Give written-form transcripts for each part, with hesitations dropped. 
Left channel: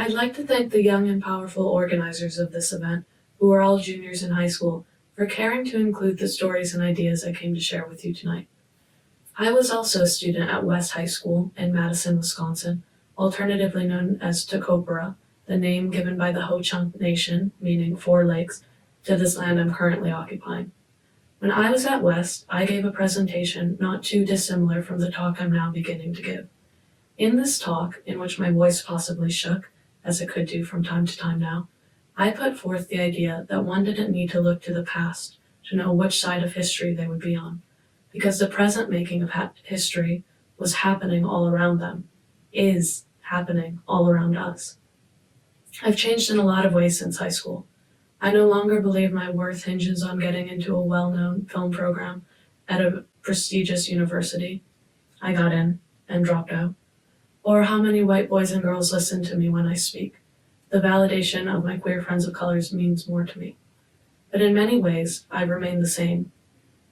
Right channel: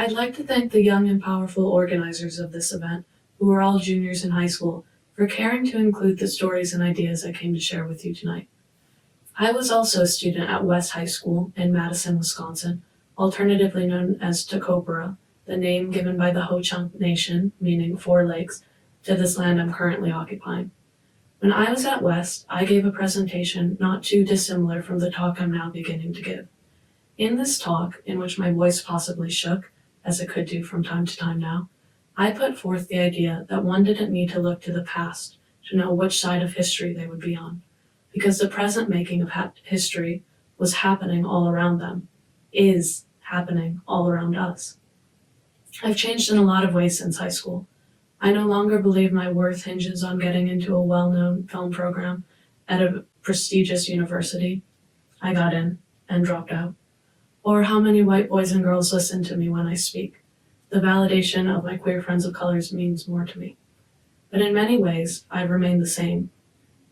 I'd like to thank the young and powerful organizers of this event, who are all juniors in high school, for caring to include the stories and ideas I came to share with you tonight. I was also a student at West High School in Madison, Wisconsin, alternatively known as Tacopera, the name given by the Ho-Chunk Nation, meaning 4 lakes, to this land I'm currently occupying. When I was at West, I gave a presentation not too dissimilar from the talk I'm now beginning to give. In this talk, in which my voice possibly shook, as it could do from time to time now, I put forth the idea that one didn't need to look to the past to know which side of history they would be on, because the present making of history was happening all around them, is happening all around us. I've changed in a lot of ways since high school. I no longer believe my worth hinges on getting into a well-known film program at a prestigious university. I got in and dropped out. Or how many white boys and girls listen to me when I speak. The validation of my queer friends of colors means more to me. But in many ways, I've remained the same.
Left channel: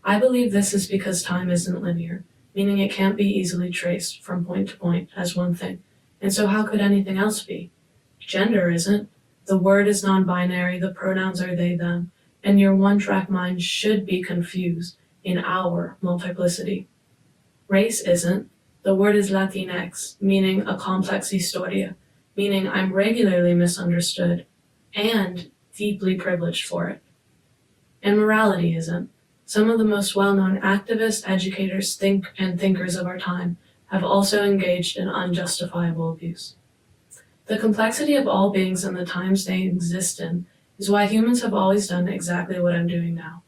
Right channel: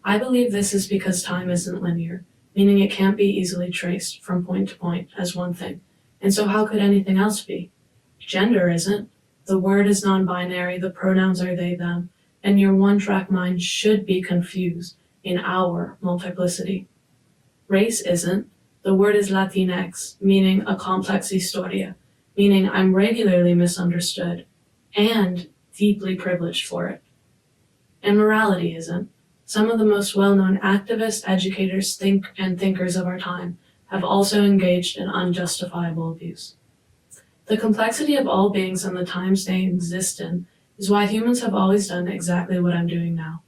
I believe this is because time isn't linear, meaning it can't be easily traced from point to point as one thing. And so how could anything else be? Gender isn't. The word is non-binary, the pronouns are they, them, and your one-track mind should be confused in our multiplicity. Race isn't. The word is Latinx, meaning a complex historia, meaning I'm regularly misunderstood and deeply privileged for it. And morality isn't. Some of the most well-known activists, educators, thinkers of our time have also engaged in unjustifiable abuse. The complexity of all beings and the times they exist in is why humans have always done exactly what I'm doing now,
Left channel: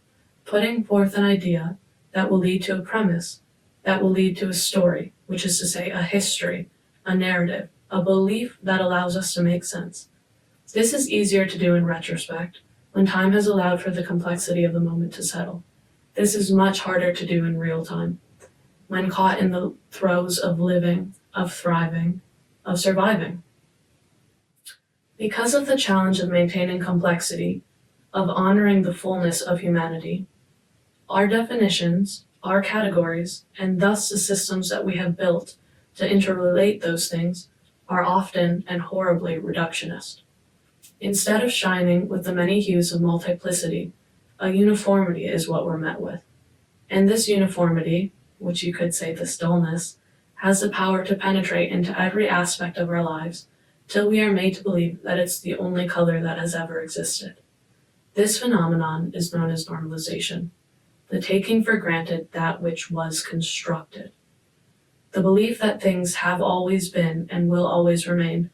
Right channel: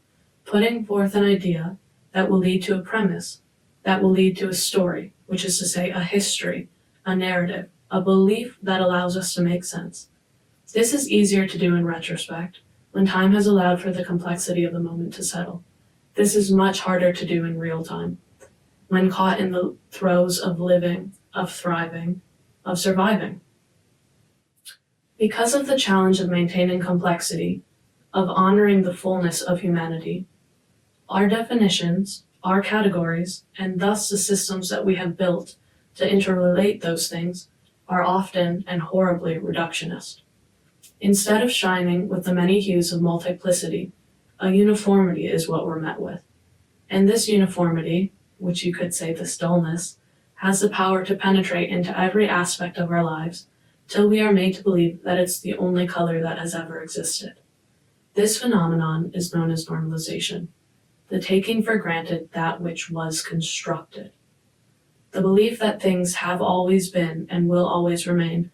putting forth an idea that will lead to a premise, that will lead to a story, which is to say a history, a narrative, a belief that allows us to make sense. This is easier to do in retrospect, when time has allowed for the complexity of the moment to settle. This is much harder to do in real time, when caught in the throes of living, of thriving, of surviving. Because of the challenge of maintaining complexity, of honoring the fullness of humanity, our definitions, our categories, and thus the systems that we have built to interrelate those things are often and horribly reductionist. Instead of shining with the many hues of multiplicity, a uniformity is what we're met with. And this uniformity, which you could say this dullness, has the power to penetrate into every aspect of our lives till we are made to believe that it's the only color that has ever existed. This phenomenon is known as normalization, the taking for granted that which was constructed, the belief that things have always been and will always remain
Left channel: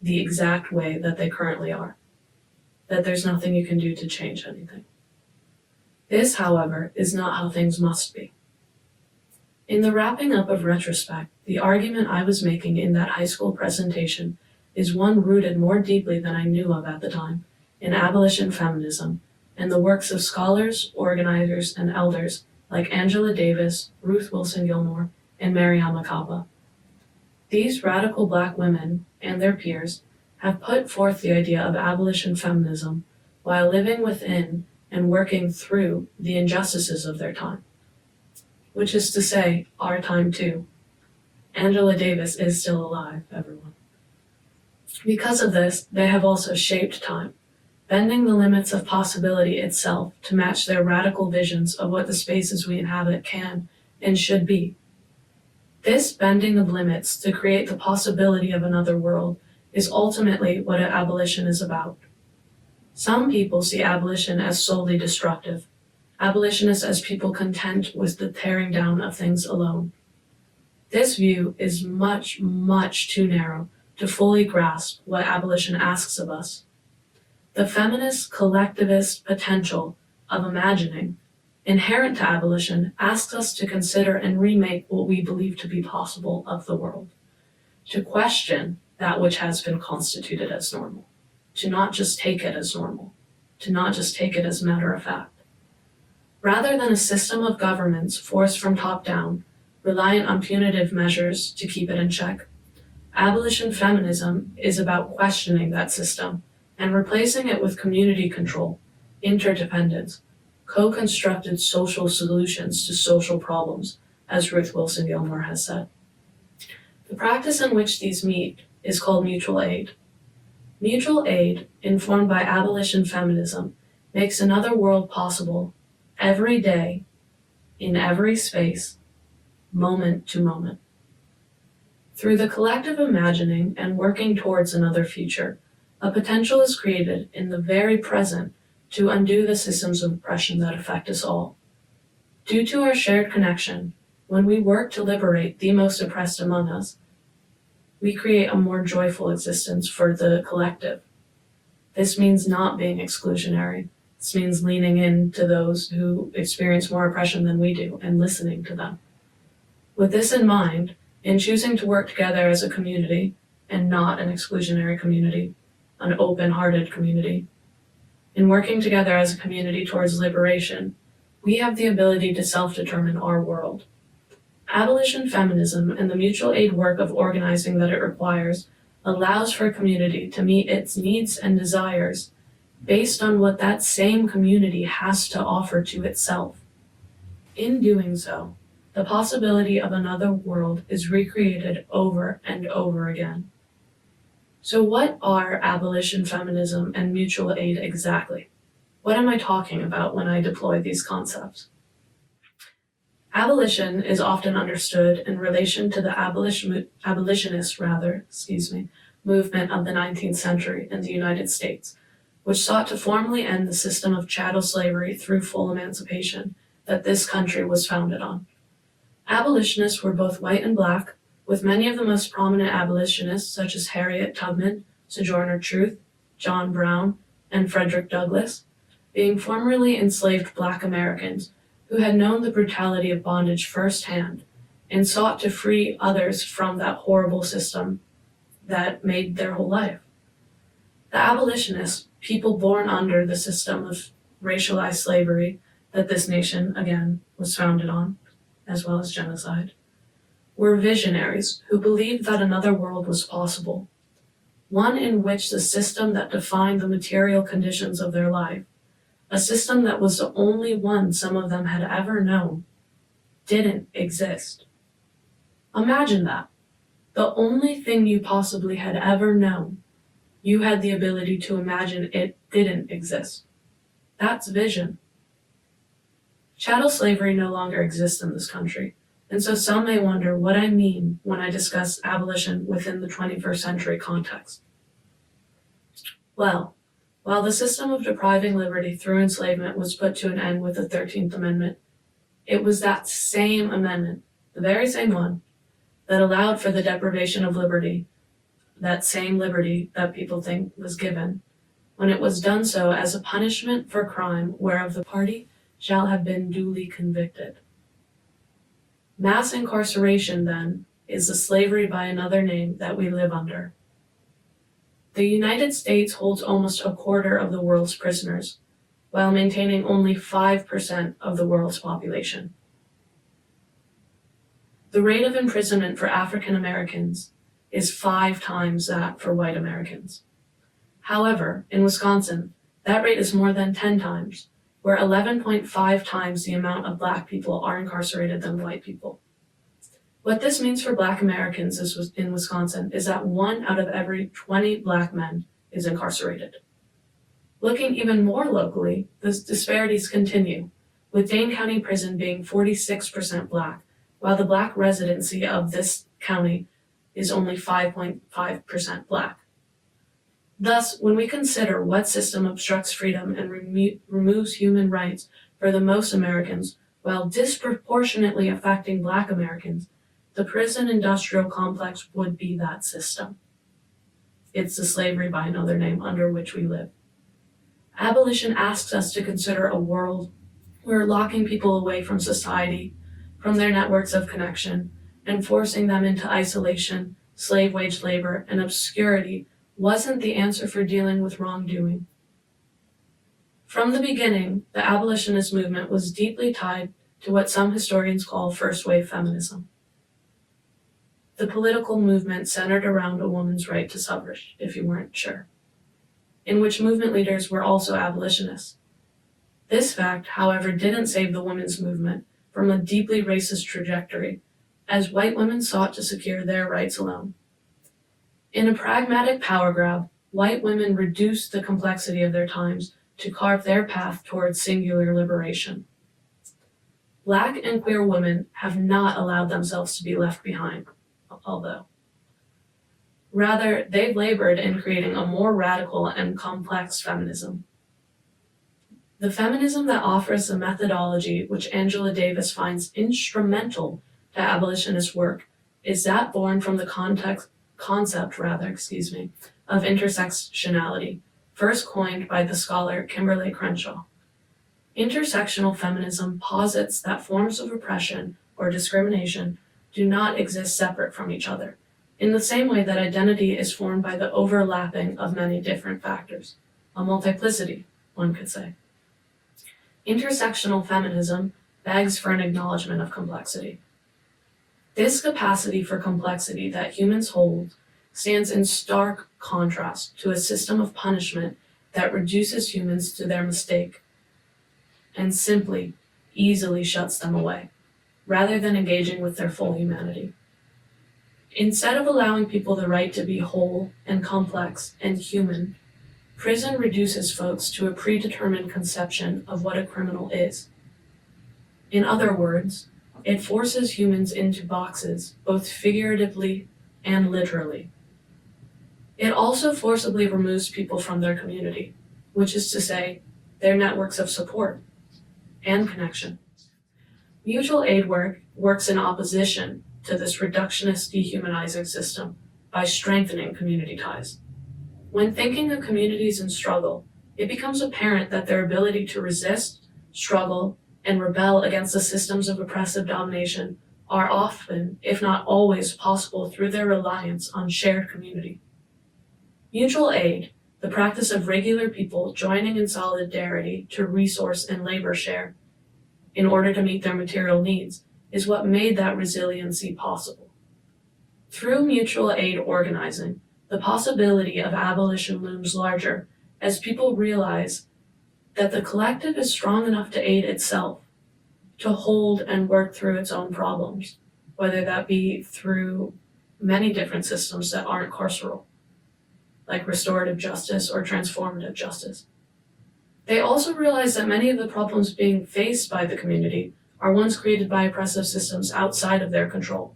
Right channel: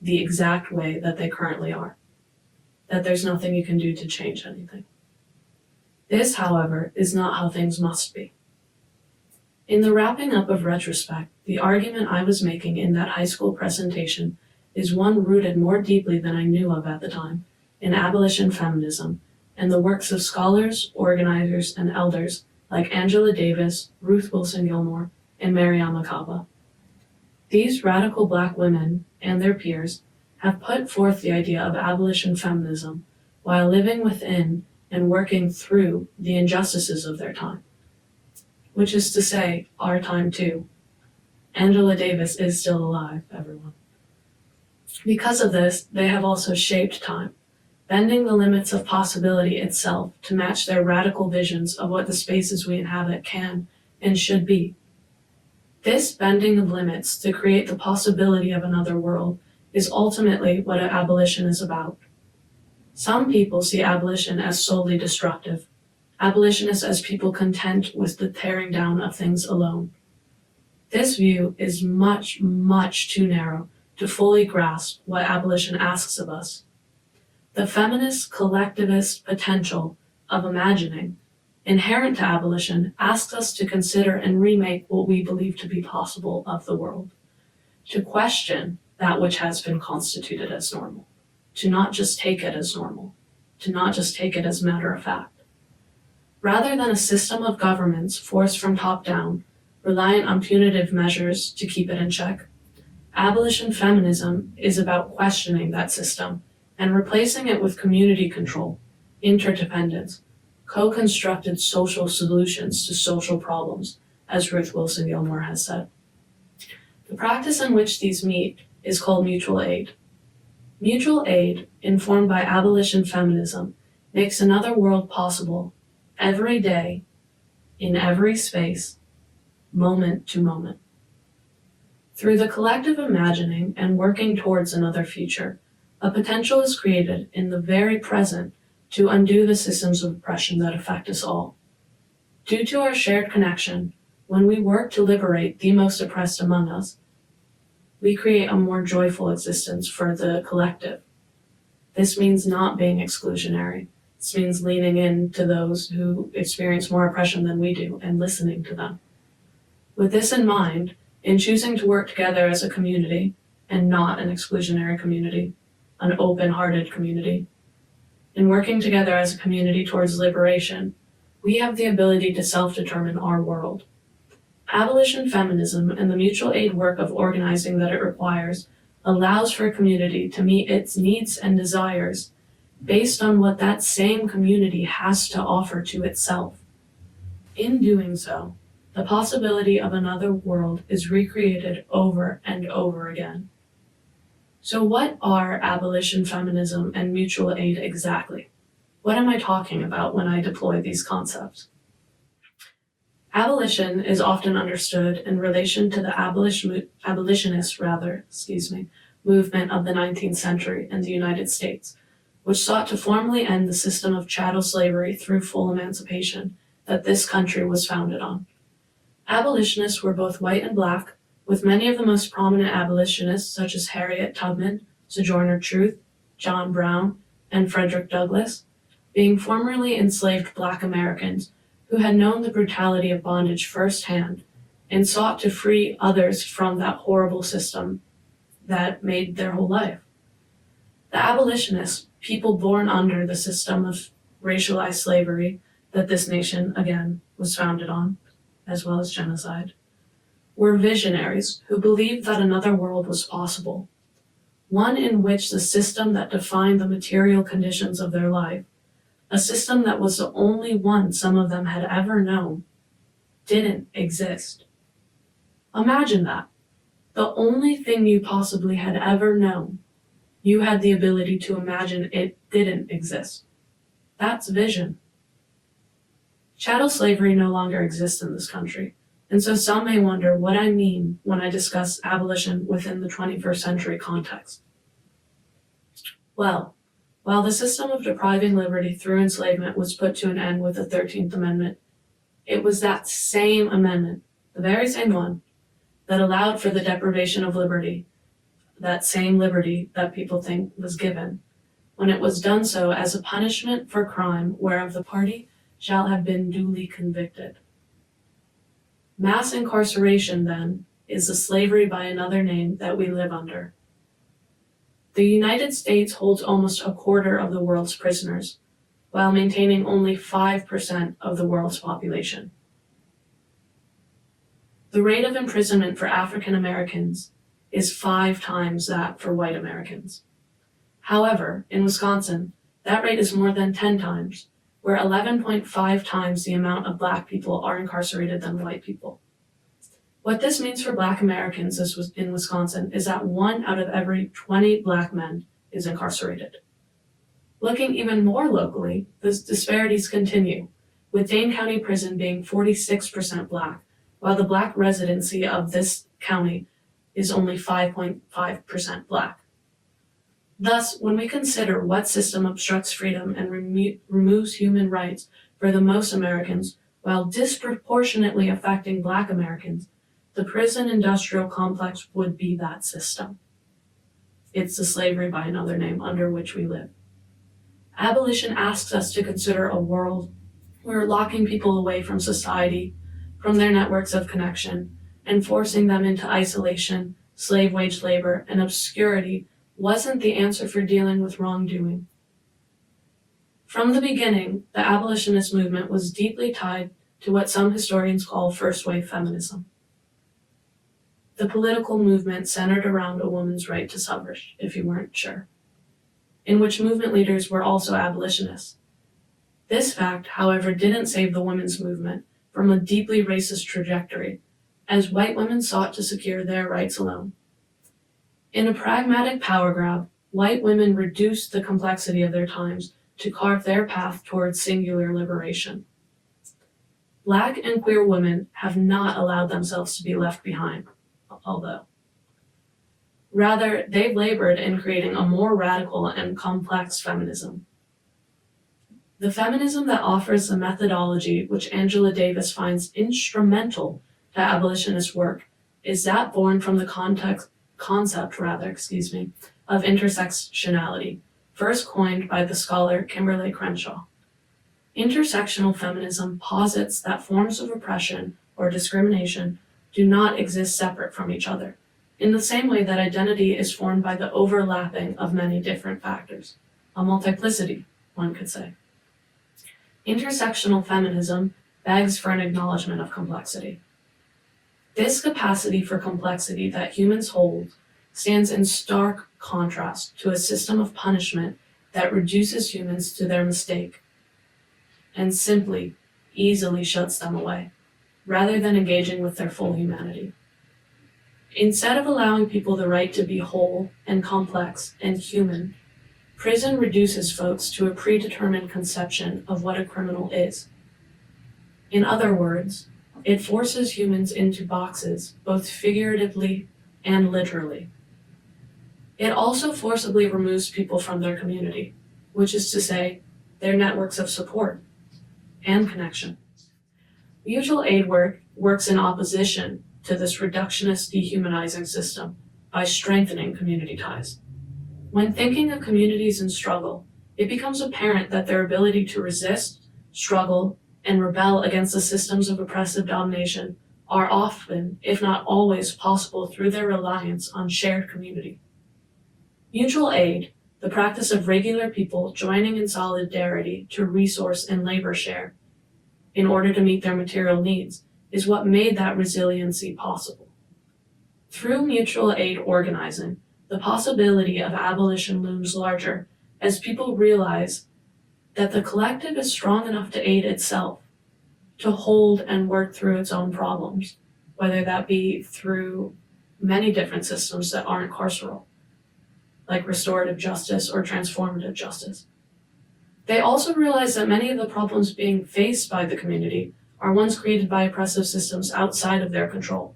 the exact way that they currently are, that there's nothing you can do to change anything. This, however, is not how things must be. In the wrapping up of retrospect, the argument I was making in that high school presentation is one rooted more deeply than I knew of at the time in abolition feminism and the works of scholars, organizers, and elders like Angela Davis, Ruth Wilson Gilmore, and Mariama Kaba. These radical Black women and their peers have put forth the idea of abolition feminism while living within and working through the injustices of their time, which is to say, our time too. Angela Davis is still alive, everyone. Because of this, they have also shaped time, bending the limits of possibility itself to match their radical visions of what the spaces we inhabit can and should be. This bending of limits to create the possibility of another world is ultimately what abolition is about. Some people see abolition as solely destructive, abolitionists as people content with the tearing down of things alone. This view is much, much too narrow to fully grasp what abolition asks of us. The feminist collectivist potential of imagining, inherent to abolition, asks us to consider and remake what we believe to be possible of the world, to question that which has been constituted as normal, to not just take it as normal, to not just take it as matter of fact. Rather than a system of governments forced from top down, reliant on punitive measures to keep it in check, abolition feminism is about questioning that system and replacing it with community control, interdependence, co-constructed social solutions to social problems, as Ruth Wilson Gilmore has said. The practice in which these meet is called mutual aid. Mutual aid, informed by abolition feminism, makes another world possible every day, in every space, moment to moment. Through the collective imagining and working towards another future, a potential is created in the very present to undo the systems of oppression that affect us all. Due to our shared connection, when we work to liberate the most oppressed among us, we create a more joyful existence for the collective. This means not being exclusionary. This means leaning in to those who experience more oppression than we do and listening to them. With this in mind, in choosing to work together as a community and not an exclusionary community, an open-hearted community, in working together as a community towards liberation, we have the ability to self-determine our world. Abolition feminism and the mutual aid work of organizing that it requires allows for a community to meet its needs and desires based on what that same community has to offer to itself. In doing so, the possibility of another world is recreated over and over again. So what are abolition feminism and mutual aid exactly? What am I talking about when I deploy these concepts? Abolition is often understood in relation to the abolitionist movement of the 19th century in the United States, which sought to formally end the system of chattel slavery through full emancipation that this country was founded on. Abolitionists were both white and black, with many of the most prominent abolitionists such as Harriet Tubman, Sojourner Truth, John Brown, and Frederick Douglass, being formerly enslaved black Americans who had known the brutality of bondage firsthand and sought to free others from that horrible system that made their whole life. The abolitionists, people born under the system of racialized slavery that this nation, again, was founded on, as well as genocide, were visionaries who believed that another world was possible, one in which the system that defined the material conditions of their life, a system that was the only one some of them had ever known, didn't exist. Imagine that. The only thing you possibly had ever known, you had the ability to imagine it didn't exist. That's vision. Chattel slavery no longer exists in this country, and so some may wonder what I mean when I discuss abolition within the 21st century context. Well, while the system of depriving liberty through enslavement was put to an end with the 13th Amendment, it was that same amendment, the very same one, that allowed for the deprivation of liberty, that same liberty that people think was given, when it was done so as a punishment for crime whereof the party shall have been duly convicted. Mass incarceration, then, is the slavery by another name that we live under. The United States holds almost a quarter of the world's prisoners, while maintaining only 5% of the world's population. The rate of imprisonment for African Americans is 5 times that for white Americans. However, in Wisconsin, that rate is more than 10 times, where 11.5 times the amount of black people are incarcerated than white people. What this means for black Americans in Wisconsin is that 1 out of every 20 black men is incarcerated. Looking even more locally, the disparities continue, with Dane County Prison being 46% black, while the black residency of this county is only 5.5% black. Thus, when we consider what system obstructs freedom and removes human rights for the most Americans while disproportionately affecting black Americans, the prison industrial complex would be that system. It's the slavery by another name under which we live. Abolition asks us to consider a world where locking people away from society, from their networks of connection, and forcing them into isolation, slave wage labor, and obscurity wasn't the answer for dealing with wrongdoing. From the beginning, the abolitionist movement was deeply tied to what some historians call first-wave feminism. The political movement centered around a woman's right to suffrage, if you weren't sure, in which movement leaders were also abolitionists. This fact, however, didn't save the women's movement from a deeply racist trajectory, as white women sought to secure their rights alone. In a pragmatic power grab, white women reduced the complexity of their times to carve their path towards singular liberation. Black and queer women have not allowed themselves to be left behind, although. Rather, they've labored in creating a more radical and complex feminism. The feminism that offers the methodology which Angela Davis finds instrumental to abolitionist work is that born from the concept of intersectionality, first coined by the scholar Kimberly Crenshaw. Intersectional feminism posits that forms of oppression or discrimination do not exist separate from each other, in the same way that identity is formed by the overlapping of many different factors, a multiplicity, one could say. Intersectional feminism begs for an acknowledgement of complexity. This capacity for complexity that humans hold stands in stark contrast to a system of punishment that reduces humans to their mistake and simply, easily shuts them away, rather than engaging with their full humanity. Instead of allowing people the right to be whole and complex and human, prison reduces folks to a predetermined conception of what a criminal is. In other words, it forces humans into boxes, both figuratively and literally. It also forcibly removes people from their community, which is to say, their networks of support and connection. Mutual aid work works in opposition to this reductionist dehumanizing system by strengthening community ties. When thinking of communities in struggle, it becomes apparent that their ability to resist, struggle, and rebel against the systems of oppressive domination are often, if not always, possible through their reliance on shared community. Mutual aid, the practice of regular people joining in solidarity to resource and labor share in order to meet their material needs, is what made that resiliency possible. Through mutual aid organizing, the possibility of abolition looms larger as people realize that the collective is strong enough to aid itself, to hold and work through its own problems, whether that be through many different systems that aren't carceral, like restorative justice or transformative justice. They also realize that many of the problems being faced by the community are ones created by oppressive systems outside of their control.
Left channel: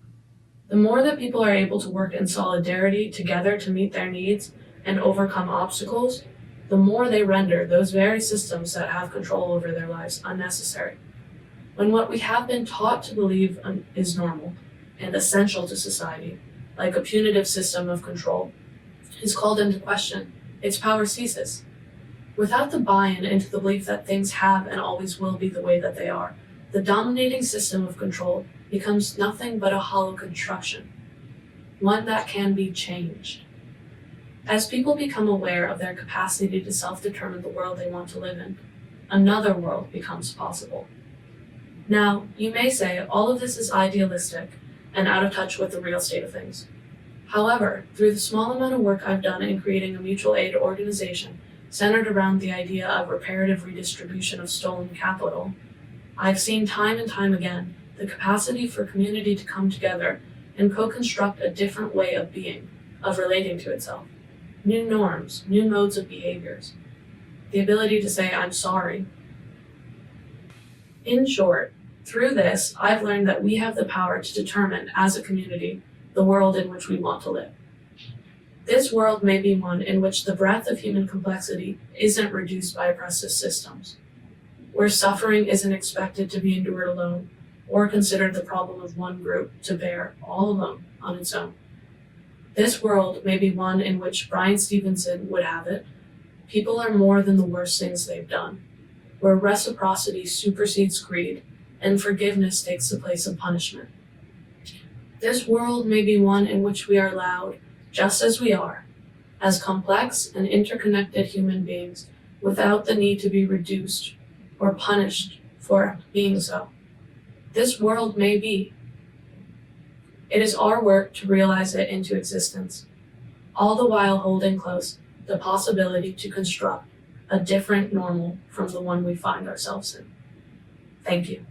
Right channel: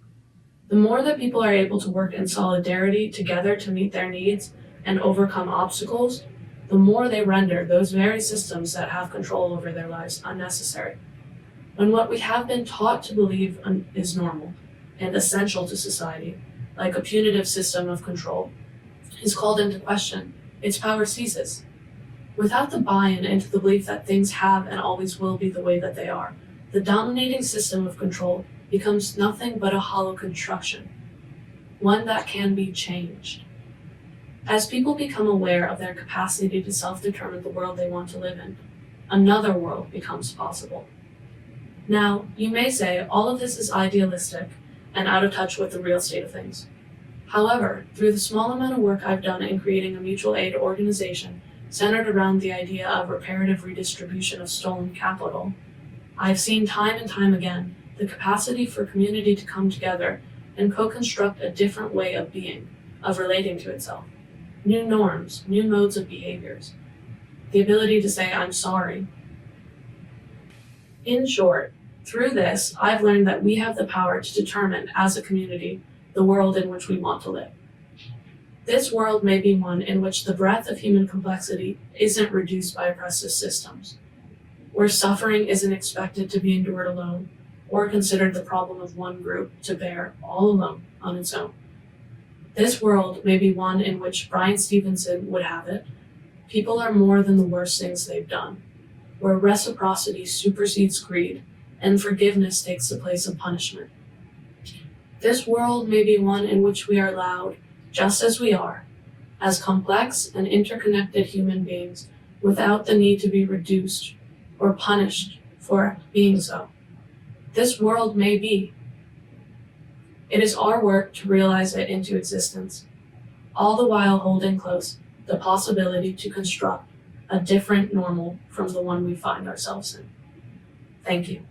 The more that people are able to work in solidarity together to meet their needs and overcome obstacles, the more they render those very systems that have control over their lives unnecessary. When what we have been taught to believe is normal and essential to society, like a punitive system of control, is called into question, its power ceases. Without the buy-in into the belief that things have and always will be the way that they are, the dominating system of control becomes nothing but a hollow construction, one that can be changed. As people become aware of their capacity to self-determine the world they want to live in, another world becomes possible. Now, you may say all of this is idealistic and out of touch with the real state of things. However, through the small amount of work I've done in creating a mutual aid organization centered around the idea of reparative redistribution of stolen capital, I've seen time and time again the capacity for community to come together and co-construct a different way of being, of relating to itself. New norms, new modes of behaviors. The ability to say, I'm sorry. In short, through this, I've learned that we have the power to determine, as a community, the world in which we want to live. This world may be one in which the breadth of human complexity isn't reduced by oppressive systems, where suffering isn't expected to be endured alone, or considered the problem of one group to bear all alone on its own. This world may be one in which Bryan Stevenson would have it, people are more than the worst things they've done, where reciprocity supersedes greed and forgiveness takes the place of punishment. This world may be one in which we are allowed, just as we are, as complex and interconnected human beings, without the need to be reduced or punished for being so. This world may be. It is our work to realize it into existence, all the while holding close the possibility to construct a different normal from the one we find ourselves in. Thank you.